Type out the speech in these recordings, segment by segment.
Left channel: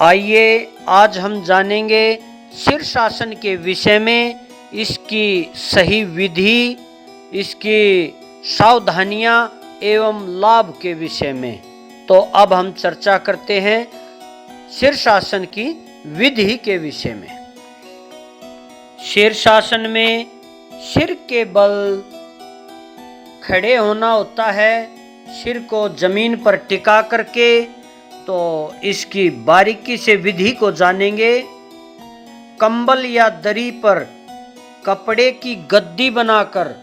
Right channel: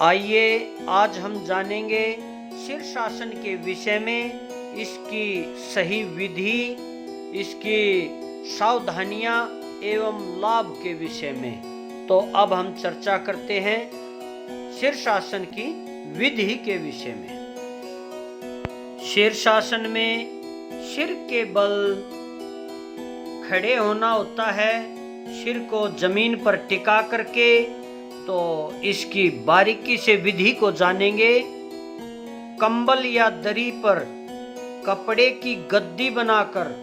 आइए आज हम जानेंगे शीर्षासन के विषय में, इसकी सही विधि, इसकी सावधानियां एवं लाभ के विषय में। तो अब हम चर्चा करते हैं शीर्षासन की विधि के विषय में। शीर्षासन में सिर के बल खड़े होना होता है, सिर को जमीन पर टिका करके। तो इसकी बारीकी से विधि को जानेंगे। कंबल या दरी पर कपड़े की गद्दी बनाकर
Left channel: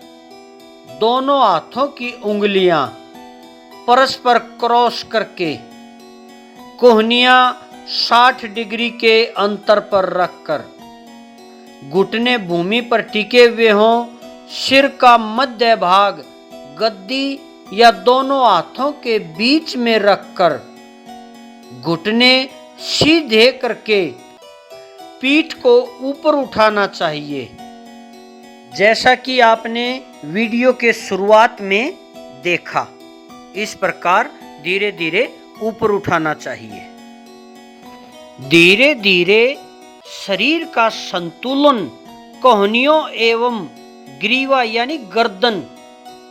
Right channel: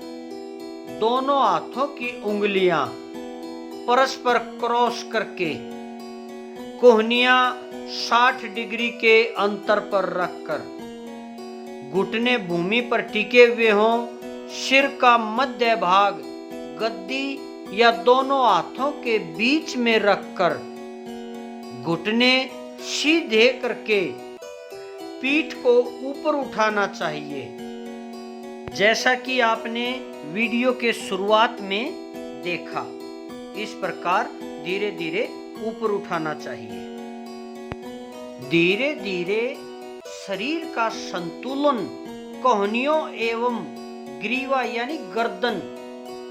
दोनों हाथों की उंगलियां परस्पर क्रॉस करके कोहनियां 60 डिग्री के अंतर पर रखकर घुटने भूमि पर टिके हुए हों। सिर का मध्य भाग गद्दी या दोनों हाथों के बीच में रखकर घुटने सीधे करके पीठ को ऊपर उठाना चाहिए, जैसा कि आपने वीडियो के शुरुआत में देखा। इस प्रकार धीरे धीरे ऊपर उठाना चाहिए। धीरे धीरे शरीर का संतुलन कोहनियों एवं ग्रीवा यानी गर्दन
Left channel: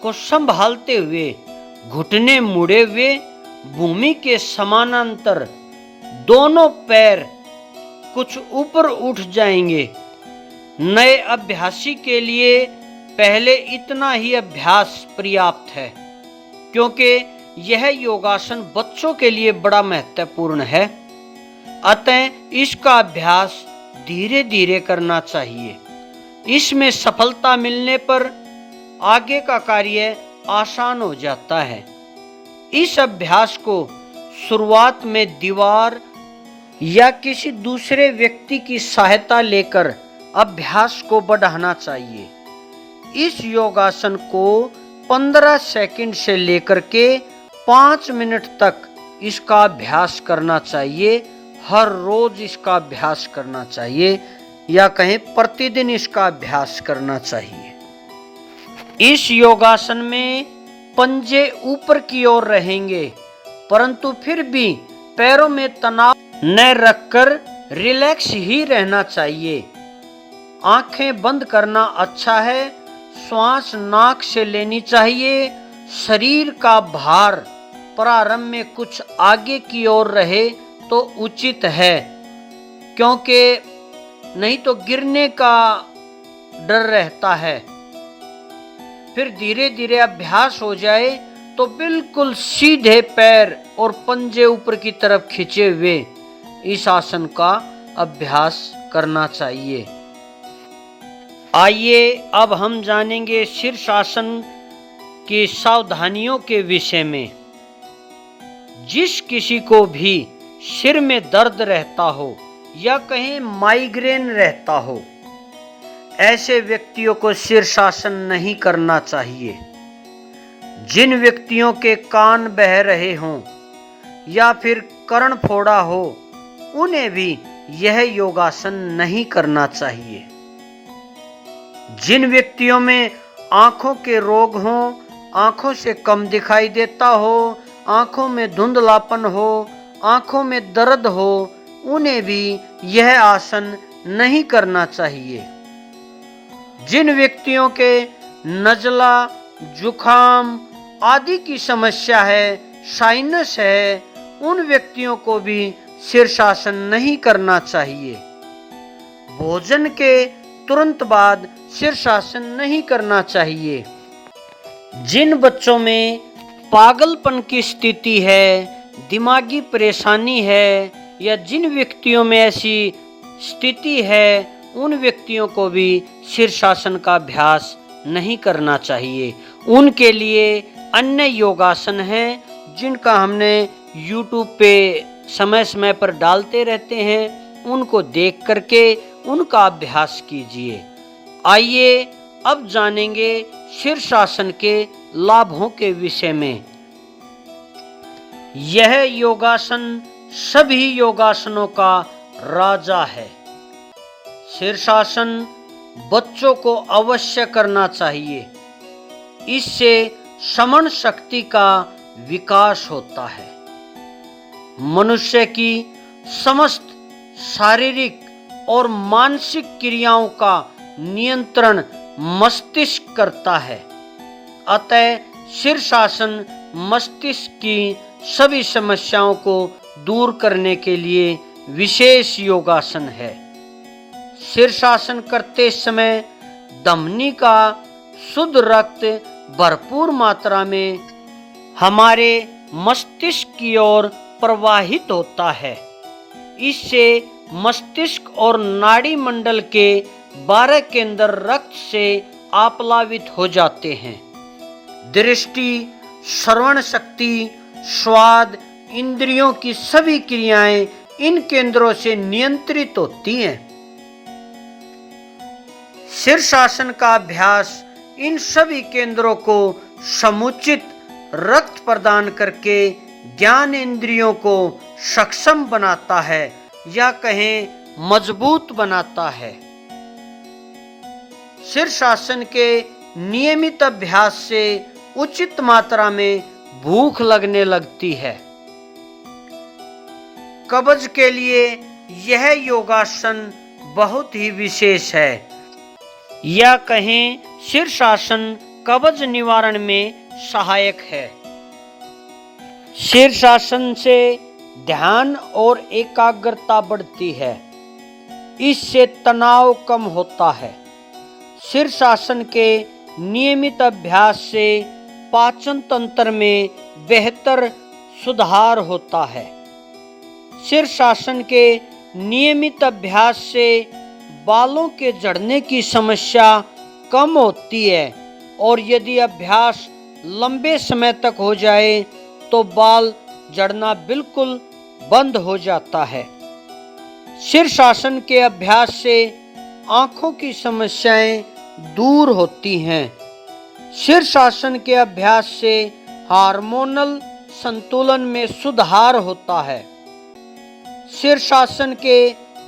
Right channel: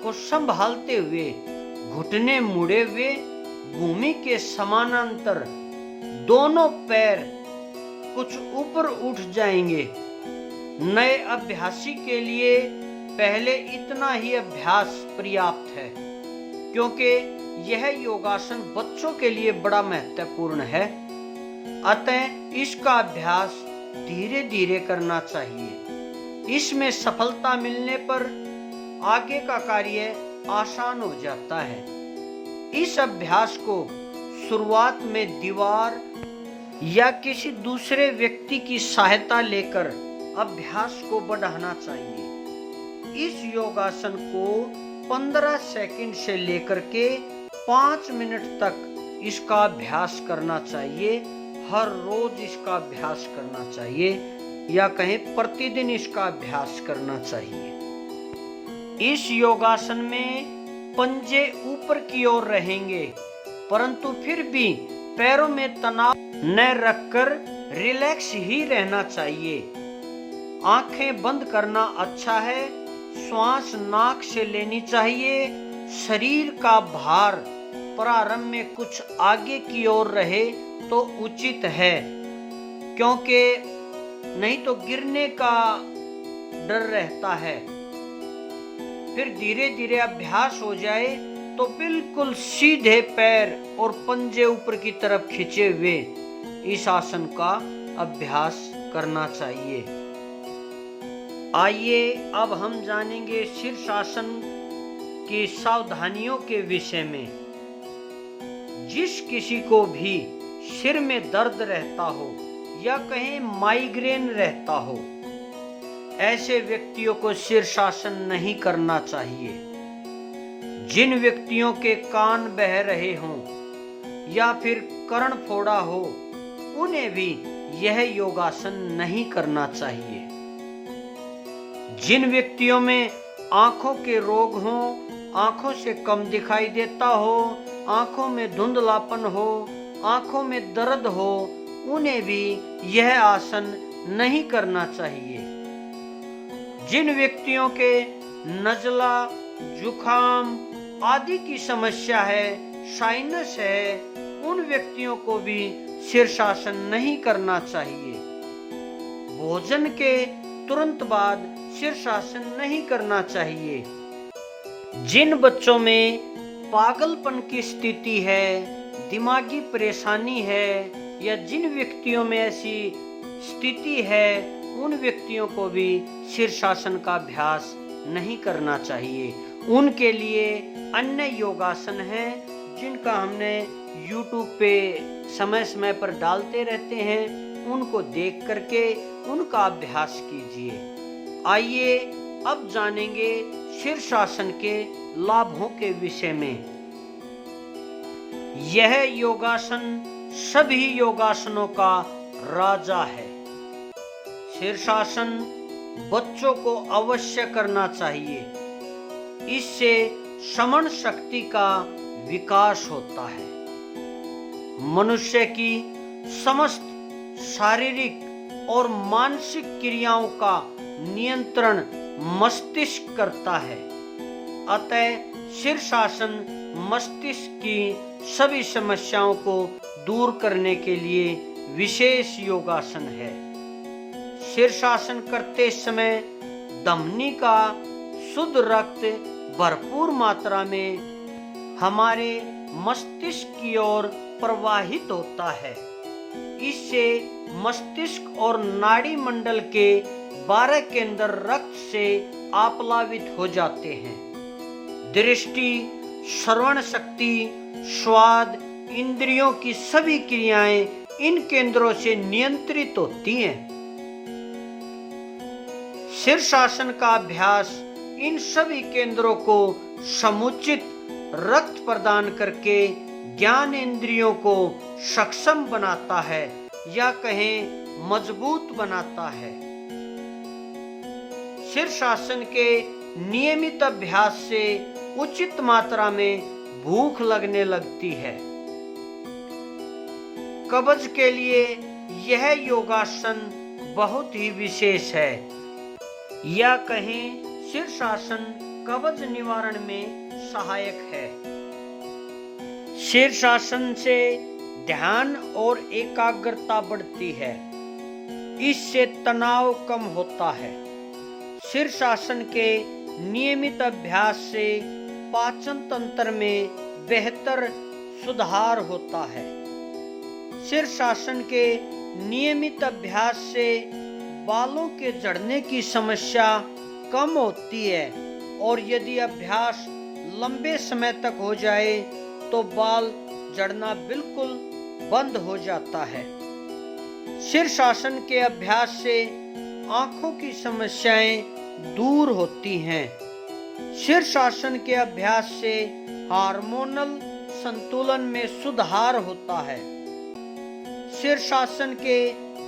को संभालते हुए घुटने मुड़े हुए भूमि के समानांतर दोनों पैर कुछ ऊपर उठ जाएंगे। नए अभ्यासी के लिए पहले इतना ही अभ्यास पर्याप्त है, क्योंकि यह योगासन बच्चों के लिए बड़ा महत्वपूर्ण है। अतः इसका अभ्यास धीरे धीरे करना चाहिए। इसमें सफलता मिलने पर आगे का कार्य आसान हो जाता है। इस अभ्यास को शुरुआत में दीवार या किसी दूसरे व्यक्ति की सहायता लेकर अभ्यास को बढ़ाना चाहिए। इस योगासन को 15 सेकंड से लेकर के 5 मिनट तक इसका अभ्यास करना चाहिए। हर रोज इसका अभ्यास करना चाहिए, या कहीं प्रतिदिन इसका अभ्यास करना चाहिए। इस योगासन में पंजे ऊपर की ओर रहेंगे, परंतु फिर भी पैरों में तनाव न रखकर रिलैक्स ही रहना चाहिए। आंखें बंद करना अच्छा है। श्वास नाक से लेनी चाहिए। शरीर का भार प्रारंभ में कुछ आगे की ओर रहे तो उचित है, क्योंकि नहीं तो गिरने का डर रहता है। फिर धीरे धीरे अभ्यास हो जाए तो बिल्कुल सीधे पैर और पंजे ऊपर की तरफ खींचे हुए इस आसन का अभ्यास करना चाहिए। आइए अब हम जानेंगे शीर्षासन की सावधानियों के विषय में। जिस किसी को भी सिर में दर्द रहता हो या कहीं माइग्रेन रहता हो, ऐसे व्यक्तियों को शीर्षासन नहीं करना चाहिए। जिन व्यक्तियों के कान बह रहे हों या फिर कर्ण फोड़ा हो, उन्हें भी यह योगासन नहीं करना चाहिए। जिन व्यक्तियों में आंखों के रोग हों, आंखों से कम दिखाई देता हो, आंखों में धुंधलापन हो, आंखों में दर्द हो, उन्हें भी यह आसन नहीं करना चाहिए। जिन व्यक्तियों के नज़ला, जुखाम आदि की समस्या है, साइनस है, उन व्यक्तियों को भी शीर्षासन नहीं करना चाहिए। भोजन के तुरंत बाद शीर्षासन नहीं करना चाहिए। जिन बच्चों में पागलपन की स्थिति है, दिमागी परेशानी है, या जिन व्यक्तियों में ऐसी स्थिति है, उन व्यक्तियों को भी शीर्षासन का अभ्यास नहीं करना चाहिए। उनके लिए अन्य योगासन हैं जिनका हमने YouTube पे समय समय पर डालते रहते हैं। उनको देख करके उनका अभ्यास कीजिए। आइए अब जानेंगे शीर्षासन के लाभों के विषय में। यह योगासन सभी योगासनों का राजा है। शीर्षासन बच्चों को अवश्य करना चाहिए। इससे श्रवण शक्ति का विकास होता है। मनुष्य की समस्त शारीरिक और मानसिक क्रियाओं का नियंत्रण मस्तिष्क करता है। अतः शीर्षासन मस्तिष्क की सभी समस्याओं को दूर करने के लिए विशेष योगासन है। शीर्षासन करते समय धमनी का शुद्ध रक्त भरपूर मात्रा में हमारे मस्तिष्क की ओर प्रवाहित होता है। इससे मस्तिष्क और नाड़ी मंडल के 12 केंद्र रक्त से आप्लावित हो जाते हैं। दृष्टि, श्रवण शक्ति, स्वाद, इंद्रियों की सभी क्रियाएं इन केंद्रों से नियंत्रित होती हैं। शीर्षासन का अभ्यास इन सभी केंद्रों को समुचित रक्त प्रदान करके ज्ञान इंद्रियों को सक्षम बनाता है या कहें मजबूत बनाता है। शीर्षासन के नियमित अभ्यास से उचित मात्रा में भूख लगने लगती है। कब्ज के लिए यह योगासन बहुत ही विशेष है, या कहें शीर्षासन कब्ज निवारण में सहायक है। शीर्षासन से ध्यान और एकाग्रता बढ़ती है। इससे तनाव कम होता है। शीर्षासन के नियमित अभ्यास से पाचन तंत्र में बेहतर सुधार होता है। शीर्षासन के नियमित अभ्यास से बालों के झड़ने की समस्या कम होती है, और यदि अभ्यास लंबे समय तक हो जाए तो बाल झड़ना बिल्कुल बंद हो जाता है। शीर्षासन के अभ्यास से आंखों की समस्याएं दूर होती हैं। शीर्षासन के अभ्यास से हार्मोनल संतुलन में सुधार होता है। शीर्षासन के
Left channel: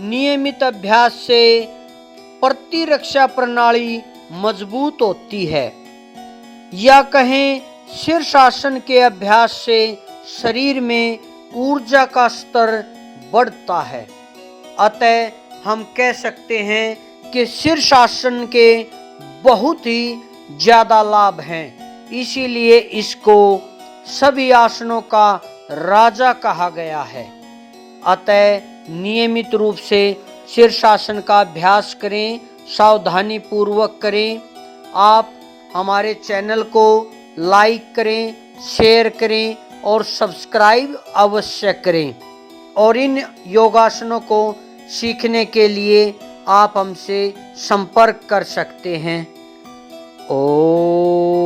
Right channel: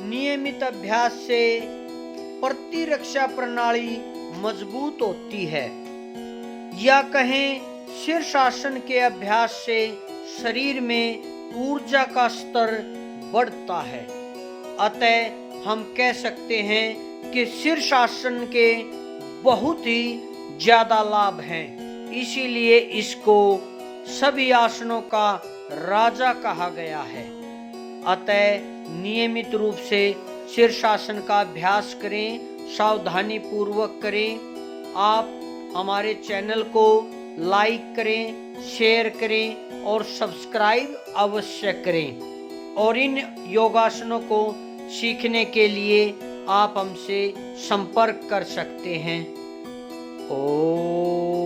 नियमित अभ्यास से प्रतिरक्षा प्रणाली मजबूत होती है, या कहें शीर्षासन के अभ्यास से शरीर में ऊर्जा का स्तर बढ़ता है। अतः हम कह सकते हैं कि शीर्षासन के बहुत ही ज्यादा लाभ हैं। इसीलिए इसको सभी आसनों का राजा कहा गया है। अतः नियमित रूप से शीर्षासन का अभ्यास करें, सावधानी पूर्वक करें। आप हमारे चैनल को लाइक करें, शेयर करें और सब्सक्राइब अवश्य करें। और इन योगासनों को सीखने के लिए आप हमसे संपर्क कर सकते हैं। ओम